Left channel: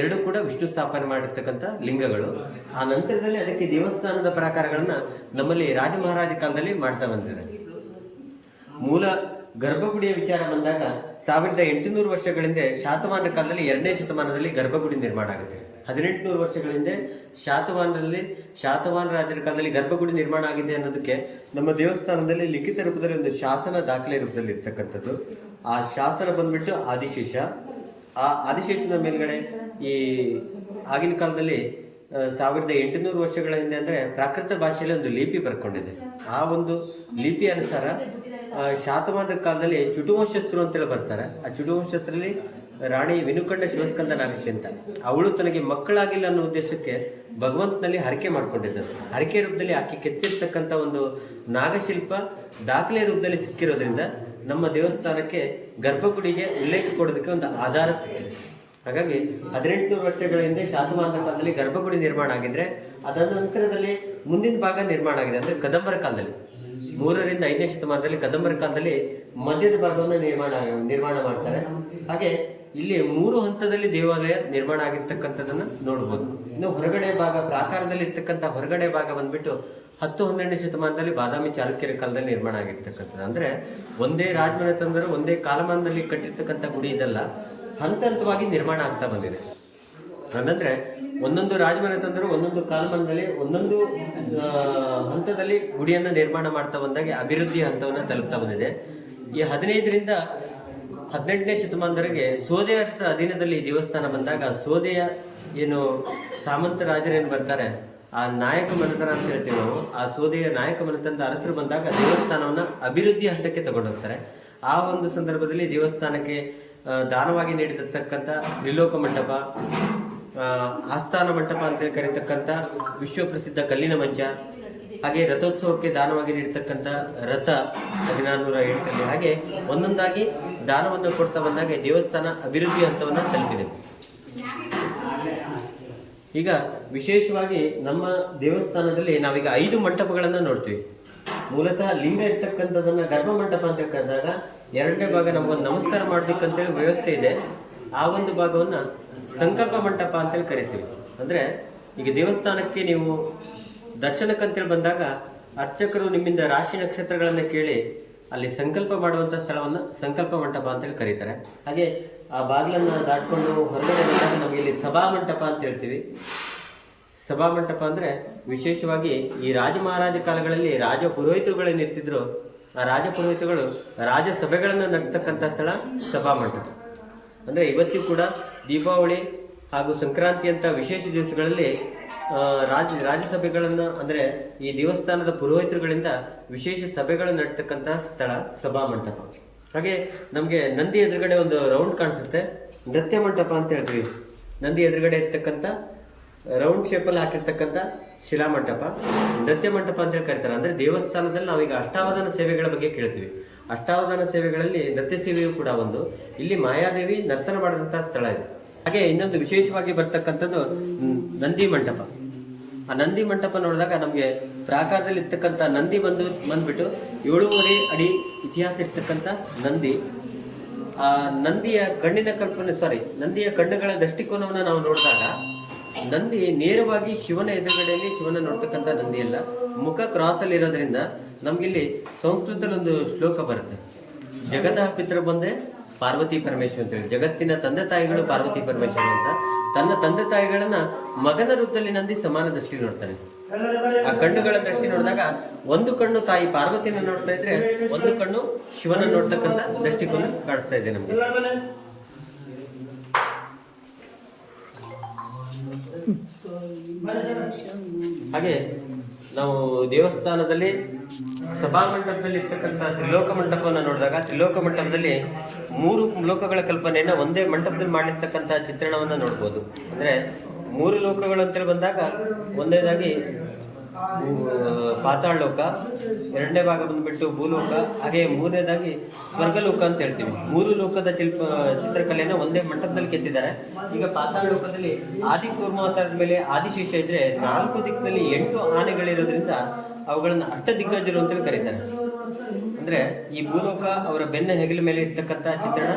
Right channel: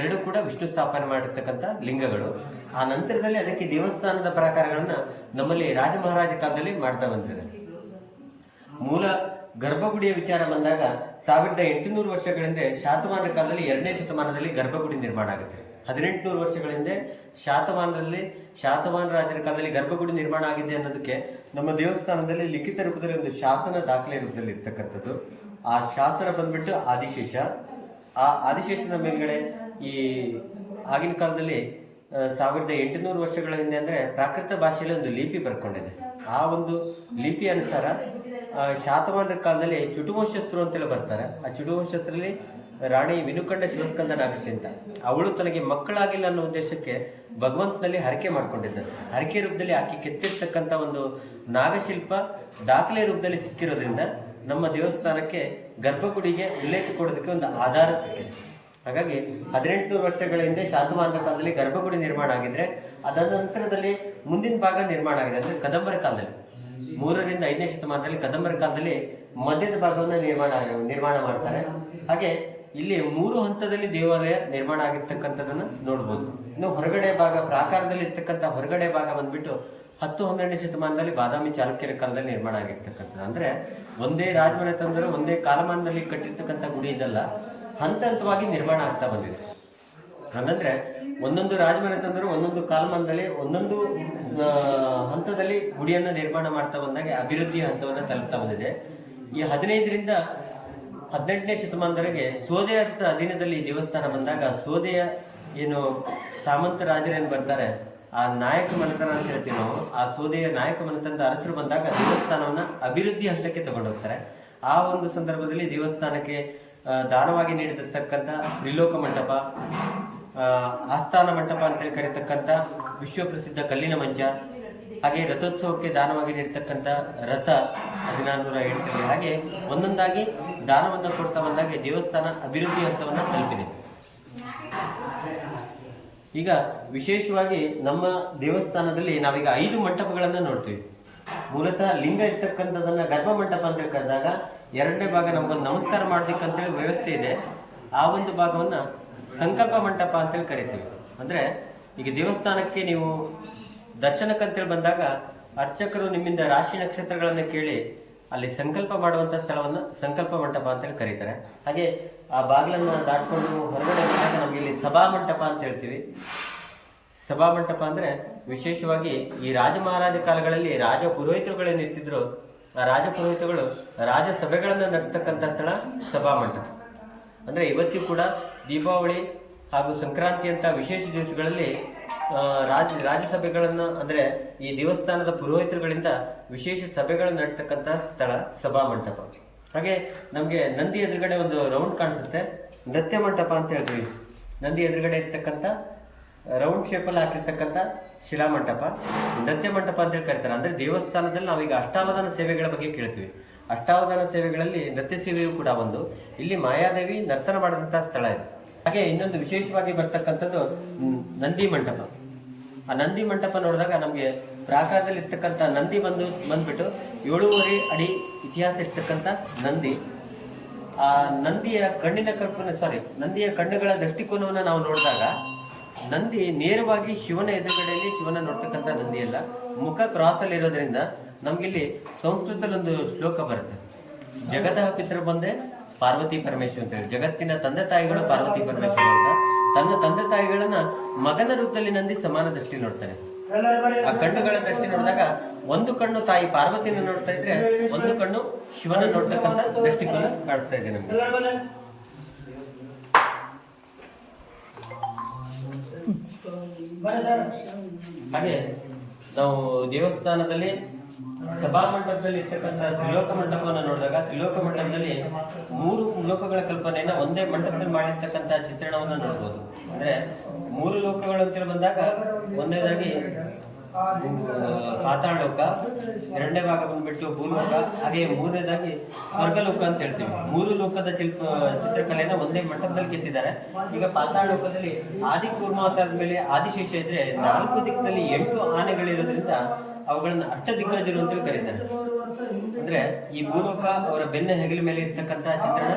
ಪ್ರತಿಷ್ಠಾಪನೆ ಮಾಡಿರ್ತಕ್ಕಂಥ ಲಿಂಗಗಳು. ಆ ನಂತರದಲ್ಲಿ ಅದಕ್ಕೆ ದೇವಸ್ಥಾನದ ಪ್ರಾಕಾರಗಳನ್ನ ನಮ್ಮಲ್ಲಿ ರಾಜ ಮಹಾರಾಜ ಕಾಲದಲ್ಲಿ ಮಾಡ್ತಾ ಬಂದಿದ್ದಾರೆ. ಮೂಲ ಗರ್ಭಗುಡಿಯ ವಿಚಾರ ಬಂದಾಗ ಸಾವಿರದ ಎಂಟುನೂರು ವರ್ಷಗಳಿಂದ ಶಾತಮಾನ ಕಾಲದಲ್ಲಿ ಎರಡನೇ ಶತಮಾನದಲ್ಲಿ ಗರ್ಭಗುಡಿ ನಿರ್ಮಾಣ ಆಗುತ್ತೆ. ಹದಿನೆಂಟುನೂರು ವರ್ಷಗಳ ಹಿಂದೆ ಶಾತಮಾನ ರಾಜರ ಕಾಲದಲ್ಲಿ ಗರ್ಭಗುಡಿ ನಿರ್ಮಾಣ ಆಗಿದೆ ಅನ್ನೋದಕ್ಕೆ ನಮ್ಮ ದೇವಸ್ಥಾನದಲ್ಲಿ ಲಿಖಿತ ರೂಪದಲ್ಲಿ ಒಂದು ಶಾಸನ ದಾಖಲೆ ರೂಪದಲ್ಲಿ ಇರ್ತಕ್ಕಂಥದ್ದು. ಆ ಶಾಸನ ಬಂದ್ಬಿಟ್ಟು ಆದಿಶೇಷ. ಆ ಆದಿಶೇಷದ ಮೇಲ್ಗಡೆ ಈ ಆಗಿನ ಕಾಲದಲ್ಲಿ ಸಾವಿರದ ಎಂಟುನೂರು ವರ್ಷಗಳ ಹಿಂದೆ ಅಂದರೆ ಪ್ರಾಕೃತ ಭಾಷೆಯಲ್ಲಿ ಒಂದು ಲಿಪಿ ಬರ್ಕೊಂಡಿದೆ. ಆ ಒಂದು ಲಿಪಿ ಅನುಸಾರ ಶಾತಮಾನ ಕಾಲದಲ್ಲಿ ಚುಟುವಂಶಸ್ತ್ರು ಅಂತೇಳಿ ಬರ್ತಾರೆ. ಆ ಚುಟುವಂಶಸ್ಥರಲ್ಲಿ ರಾಣಿ ವಿನುಕಂಡ ಶಿವಸ್ಕಂದ ನಾಗಶ್ಚಿಂತ. ಅವಳು ತನಗೆ ಮಕ್ಕಳಾಗಿಲ್ಲ ಅನ್ನೋ ಉದ್ದೇಶಕ್ಕೆ ಭಗವಂತನಲ್ಲಿ ಹರಕೆ ಮಾಡ್ಕೊಂಡಿದ್ದಂತೆ ಹರಕೆ ರೂಪದಲ್ಲಿ ಆಕೆ ಕೆತ್ತಿರ್ತಕ್ಕಂಥ ಒಂದು ನಾಗಶಿಲ್ಪ ದಾಖಲೆ ರೂಪದಲ್ಲಿ ಸಿಕ್ಕಿರೋದ್ರಿಂದ ನಮ್ಮ ದೇವಸ್ಥಾನಕ್ಕೆ ಗರ್ಭಗುಡಿಗೆ ಉಲ್ಲೇಖ ಕೊಡೋದಕ್ಕೆ ಒಂದು ಆಧಾರ ಸಿಕ್ಕಿದೆ. ಹಾಗಾಗಿ ಹದಿನೆಂಟುನೂರು ವರ್ಷಗಳ ಹಿಂದೆ ಶಾತವಾಹನ ಕಾಲದಲ್ಲಿ ಗರ್ಭಗುಡಿ ನಿರ್ಮಾಣ ಆಗಿದ್ರೆ ಅದಾದ ನಂತರದಲ್ಲಿ ಮುಂದಿನ ಭಾಗ ನಿರ್ಮಾಣ ಆಗಿದೆ, ಅಂದ್ರೆ ಕದಂಬರ ಕಾಲದಲ್ಲಿ. ಮೂರರಿಂದ ಐದನೇ ಶತಮಾನದಲ್ಲಿ ಕದಂಬರ ಕಾಲದಲ್ಲಿ ಮಧ್ಯದ ಭಾಗವನ್ನು ನಿರ್ಮಾಣ ನಿರ್ಮಾಣ ಮಾಡ್ತಾರೆ. ಹಾಗೆ ಇಲ್ಲಿ ಮೂರು ಹಂತದಲ್ಲಿ ದೇವಾಲಯ ನಿರ್ಮಾಣ ಆಗಿರ್ತಕ್ಕಂಥದ್ದನ್ನು ನೋಡ್ಬೋದು. ಇನ್ನು ಹೊರಗಡೆ ಭಾಗ, ಪ್ರಾಕಾರದಲ್ಲಿ ಇರ್ತಕ್ಕಂಥ ಹೊರಗಡೆ ಭಾಗ ಬಂದ್ಬಿಟ್ಟು ಹತ್ತು ಹನ್ನೆರಡನೇ ಶತಮಾನದಲ್ಲಿ ಬಾದಾಮಿ ಚಾಲುಕ್ಯರ ಕಾಲದಲ್ಲಿ ನಿರ್ಮಾಣ ಆಗಿರ್ತಕ್ಕಂಥದ್ದು. ಅಂದ್ರೆ ಒಂದೇ ರಾಜಮನೆತಂದರು ಒಂದೇ ಕಾಲಮಾನದಲ್ಲಿ ಕಟ್ಟಿರ್ತಕ್ಕಂಥ ಗುಡಿ ಇದಲ್ಲ. ಹಂತ ಹಂತವಾಗಿ ನಿರ್ಮಾಣ ಆಗ್ತಾ ಬಂದಿದೆ. ಹಂಗಂದ್ರೆ ಒಂದೊಂದು ರಾಜಮನೆತಂದರು ಒಂದೊಂದು ಕಾಲಮಾನದಲ್ಲಿ ಒಂದೊಂದು ಹಂತದಲ್ಲಿ ಗುಡಿಯನ್ನ ನಿರ್ಮಾಣ ಮಾಡ್ತಾ ಬಂದಾಗ ಅಭಿವೃದ್ಧಿ ಹಂತವನ್ನು ತಲುಪ್ತಾ ಬಂದಿದೆ. ಈ ಹದಿನೈದರಿಂದ ಹದಿನೆಂಟನೇ ಶತಮಾನದವರೆಗೆ ಸೋದೆ ಅರಸರ ಅಧೀನದಲ್ಲಿ ದೇವಸ್ಥಾನ ಬಂದಾಗ ಸೋದೆಯ ಏನು ಸಾಮಂತ ರಾಜರೇನು ಬರ್ತಾರೆ, ಆ ನಾಯಕ ಮನೆತನ ಅಂತ ಹೇಳ್ತೀವಿ ನಾವು, ಆ ಸೋದೆಯ ನಾಯಕ ಮನೆತನದ ಅರಸರು ಬಂದಾಗ ದೇವಸ್ಥಾನವನ್ನ ಅಭಿವೃದ್ಧಿ ಹಂತಕ್ಕೆ ತಗೊಂಡೋಗ್ತಾರೆ. ಆ ಒಂದು ಸಂದರ್ಭದಲ್ಲಿ ದೇವಸ್ಥಾನಕ್ಕೆ ದಾನವಾಗಿ ನೀಡಿರ್ತಕ್ಕಂಥ ತ್ರಿಲೋಕ ಮಂಟಪ ಆಸ್ಥಾನ ಮಂಟಪ ಅಂತೇಳಿ ಕರೀತಕ್ಕಂಥ ವಿಶ್ವಪ್ರಸಿದ್ಧ ಕಲ್ಲಿನ ಮಂಚ, ಹಾಗೆ ರಥೋತ್ಸವಕ್ಕೆ ದಾನವಾಗಿ ನೀಡತಕ್ಕಂಥ ರಥ ಹದಿನಾರುನೂರ ಎಂಟರಲ್ಲಿ ಹಾಗೆ ಒಂದೊಂದಾಗಿ ದಾನವನ್ನು ಕೊಡ್ತಾ ಬಂದಾಗೆ ದೇವಸ್ಥಾನ ಅಭಿವೃದ್ಧಿ ಹಂತವನ್ನು ತಲುಪಿದೆ. ಈಗ ವಿಶೇಷವಾಗಿ ನಮ್ಮ ದೇವಸ್ಥಾನದಲ್ಲಿ ನಾವೀಗ ಐದು ಮಂಟಪಗಳನ್ನು ನೋಡ್ತೀವಿ. ಮೂಲತಃ ಲಿಂಗ ಇರ್ತಕ್ಕಂಥದ್ದನ್ನ ಗರ್ಭ ಮಂಟಪ ಅಂತ ಕರೆದಾಗ ಎರಡನೇ ಭಾಗ ನಮಗೊಂದು ನಮಸ್ಕಾರ ಮಾಡೋದಕ್ಕಂತೇಳಿ ವ್ಯವಸ್ಥೆ ಇದೆ. ಆ ಒಂದು ಭಾಗವನ್ನ ಸಂಕಲ್ಪ ಮಂಟಪ ಅಂತೇಳಿ ಕರಿತೀವಿ. ಅಂದ್ರೆ ಈಗ ದೇವಸ್ಥಾನಕ್ಕೆ ನೀವು ದರ್ಶನಕ್ಕಂತೇಳಿ ಬಂದಾಗ ಅರ್ಚಕರು ನಿಮ್ಮಿಂದ ರಾಶಿ ನಕ್ಷತ್ರಗಳನ್ನು ಕೇಳಿ ಅಲ್ಲಿ ಸಂಕಲ್ಪ ಮಾಡುವಂಥ ಸ್ಥಳವನ್ನು ಸಂಕಲ್ಪ ಮಂಟಪ ಅಂತೇಳಿ ಕರೀತಾರೆ. ಹಾಗೆ ಆ ಬಾಗಿಲನ್ನು ದಾಟ್ಕೊಂಡು ಹೊರಗಡೆ ಬಂದಾಗ ನಮಗೆ ಇಲ್ಲಿ ಸಭಾ ಮಂಟಪ ಅಂತ ಹೇಳ್ತೀವಿ. ಸಭಾ ಮಂಟಪ ಅಂದರೆ ವಿಶೇಷವಾಗಿ ಈ ರಾಜ ಮಹಾರಾಜ ಕಾಲಗಳಲ್ಲಿ ರಾಜ ಪುರೋಹಿತರುಗಳು ಇರ್ತಿದ್ರು ಆ ರಾಜ ಪುರೋಹಿತಗಳು ರಾಜ ಸಭೆಗಳನ್ನು ನಡೆಸ್ತಕ್ಕಂಥ ಸ್ಥಳ ಸಭಾ ಮಂಟಪ. ಅಂದರೆ ಇವತ್ತಿಗೂ ಕೂಡ ದೀಪಾವಳಿ ಹಾಗೂ ಸಂಕ್ರಾಂತಿ ಅಂತ ವಿಶೇಷ ದಿವಸಗಳಲ್ಲಿ ರಾಜ, ರಾಜಸಭೆಗಳನ್ನು ಅಂದರೆ ಈ ದೇವಸ್ಥಾನದ ಪುರೋಹಿತರುಗಳಿಂದ ವಿಶೇಷ ಸಭೆಗಳು ನಡ್ತಕ್ಕಂಥ ಸ್ಥಳ ಸಭಾ ಮಂಟಪ. ಹಾಗೆ ನಮಗೆ ನಂದಿ ಎದುರುಗಡೆ ಒಂದು ರೌಂಡ್ ಕಾಣಿಸುತ್ತೆ. ನೃತ್ಯ ಮಂಟಪ ಅಂತ ಹೇಳ್ತೀವಿ. ನಂದಿ ಎದುರುಗಡೆ ಇರ್ತಕ್ಕಂಥ ರೌಂಡ್ ಶೇಪಲ್ಲಿ ಹಾಕಿರ್ತಕ್ಕಂಥ ಶಿಲಾಮಂಟಪ ನೃತ್ಯ ಮಂಟಪ ಅಂತೇಳಿ ಕರೀತಾರೆ. ಅಂದರೆ ದೇವಸ್ಥಾನದಲ್ಲಿ ನಾವೀಗ ಅಷ್ಟಾವಧಾನ ಸೇವೆಗಳ ಬಗ್ಗೆ ಕೇಳ್ತೀವಿ. ಅಷ್ಟಾವಧಾನ ಸೇವೆಗಳಲ್ಲಿ ನೃತ್ಯ ಸೇವೆಯೂ ಕೂಡ ಒಂದು. ಇಲ್ಲಿ ಮಾಯಾದೇವಿ ನರ್ತನ ಮಾಡಿದಂಥ ಸ್ಥಳ ಇದೆ. ಹಾಗೆ ಇನ್ನೊಂದು ವಿಶೇಷವಾಗಿ ಬರ್ತಕ್ಕಂಥದ್ದು ನಂದಿ ಮಂಟಪ. ಆ ನಂದಿ ಮಂಟಪ ನೋಡಿದಾಗ ನಮಗೆ ಪ್ರಾಕಾರದಲ್ಲಿ ಇರ್ತಕ್ಕಂಥ ನಂದಿ ಬಂದು, ಬಂದ್ಬಿಟ್ಟು ಏಳುವರೆ ಅಡಿ ಇತಿಹಾಸ ಇರ್ತಕ್ಕಂಥ ನಂದಿ. ಆ ನಂದಿಯ ಕಣ್ಣಿನ ಕಲ್ಪನೆ ಸಾರಿ ನಂದಿಯ ಕಣ್ಣುಗಳ ದೃಷ್ಟಿಕೋನವನ್ನು ನಾವು ನೋಡಿದಾಗ ನಂದಿ ನೇರವಾಗಿ ಶಿವನ ಎದುರುಗಡೆಯಲ್ಲಿ ಶಿವನ ನೋಡ್ತಕ್ಕಂಥ ನಂದಿ ಅಲ್ಲ. ಮುಖ ಕ್ರಾಸ್ ಅಲ್ಲಿ ಇರೋದ್ರಿಂದ ನಮ್ಗಿಲ್ಲಿ ಸಂಸ್ಕೃತದಲ್ಲಿ ಒಂದು ಶ್ಲೋಕ ಬರುತ್ತೆ. ಜಗತಃ ಪಿತೃ ಬಂದೆ, ಪಾರ್ವತಿ ಪರಮೇಶ್ವರ ಅಂತ ಹೇಳಿ. ಜಗತ್ತಿನ ತಂದೆ ತಾಯಿಗಳು ಪಾರ್ವತಿ ಪರಮೇಶ್ವರ್ ಅಂತ. ತನ್ನ ತಂದೆ ತಾಯಿಗಳನ್ನ ಮಗನ ರೂಪದಲ್ಲಿ ನಂದಿ ಸಮಾನ ದೃಷ್ಟಿ ನೋಡ್ತಾರೆ. ಆ ಕಣ್ಣುಗಳ ದೃಷ್ಟಿ ನೋಡಿದಾಗ ಒಂದು ಕಣ್ಣು ತಾಯಿ ಪಾರ್ವತಿನ ನೋಡ್ತಾ ಇದ್ರೆ, ಒಂದು ಕಣ್ಣು ಶಿವನ ನೋಡ್ತಕ್ಕಂಥ ದೃಷ್ಟಿಕೋನ ಕಾಣಿಸ್ತಾ ಇದೆ ನಮಗೆ. ಹಾಗೆ ನಾವು ದೇವಸ್ಥಾನದಲ್ಲಿ ಸಭಾಮಂಟಪದಲ್ಲಿ ಇರ್ತಕ್ಕಂಥ ತ್ರಿಲೋಕ ಮಂಟಪವನ್ನು ನೋಡಿದಾಗ ತ್ರಿಲೋಕ ಮಂಟಪದಲ್ಲಿ ಮೂರು ಲೋಕಗಳ ಕಲ್ಪನೆಯನ್ನು ಒಂದೇ ಮಂಟಪದಲ್ಲಿ ಮಾಡಿರ್ತಕ್ಕಂಥ ಚಿತ್ರಣವನ್ನು ನೋಡ್ಬೋದು. ಅಂದರೆ ಮೂರು ಲೋಕಗಳು ಅಂತೇಳಿ ಬಂದಾಗ ಒಂದೇದಾಗಿ ಪಾತಾಳ ಲೋಕ, ಎರಡನೇ ಭಾಗ ಬಂದ್ಬಿಟ್ಟು ಭೂಲೋಕ, ಹಾಗೆ ಮೂರನೇದಾಗಿ ಸ್ವರ್ಗಲೋಕ ಅಂತ ಹೇಳ್ತೀವಿ. ಮೂರು ಲೋಕದ ಶಿಲ್ಪ ಚಿತ್ರಕಲೆಯನ್ನ ಒಂದೇ ಮಂಟಪದಲ್ಲಿ ಕೆತ್ತಿದ್ದಾರೆ. ಈಗ ಪಾತಾಳ ಲೋಕದಲ್ಲಿ ಆದಿ ಕೂರ್ಮ ಮೇಲೆ ಆದಿಶೇಷ ಇದ್ರೆ ನಾಲ್ಕು ದಿಕ್ಕದಲ್ಲಿ ಎಂಟು ಆನೆಗಳಿರೋದ್ರಿಂದ ಅವುಗಳನ್ನ ಅಷ್ಟ ದಿಗ್ಗಜರು ಅಂತೇಳಿ ಕರೀತಾರೆ. ಅಂದ್ರೆ ಈ ಭೂಲೋಕ ಅವರ ಬೆನ್ನ ಹೆಗಲ ಮೇಲೆ ಇರ್ತಕ್ಕಂಥ ಚಿತ್ರಣ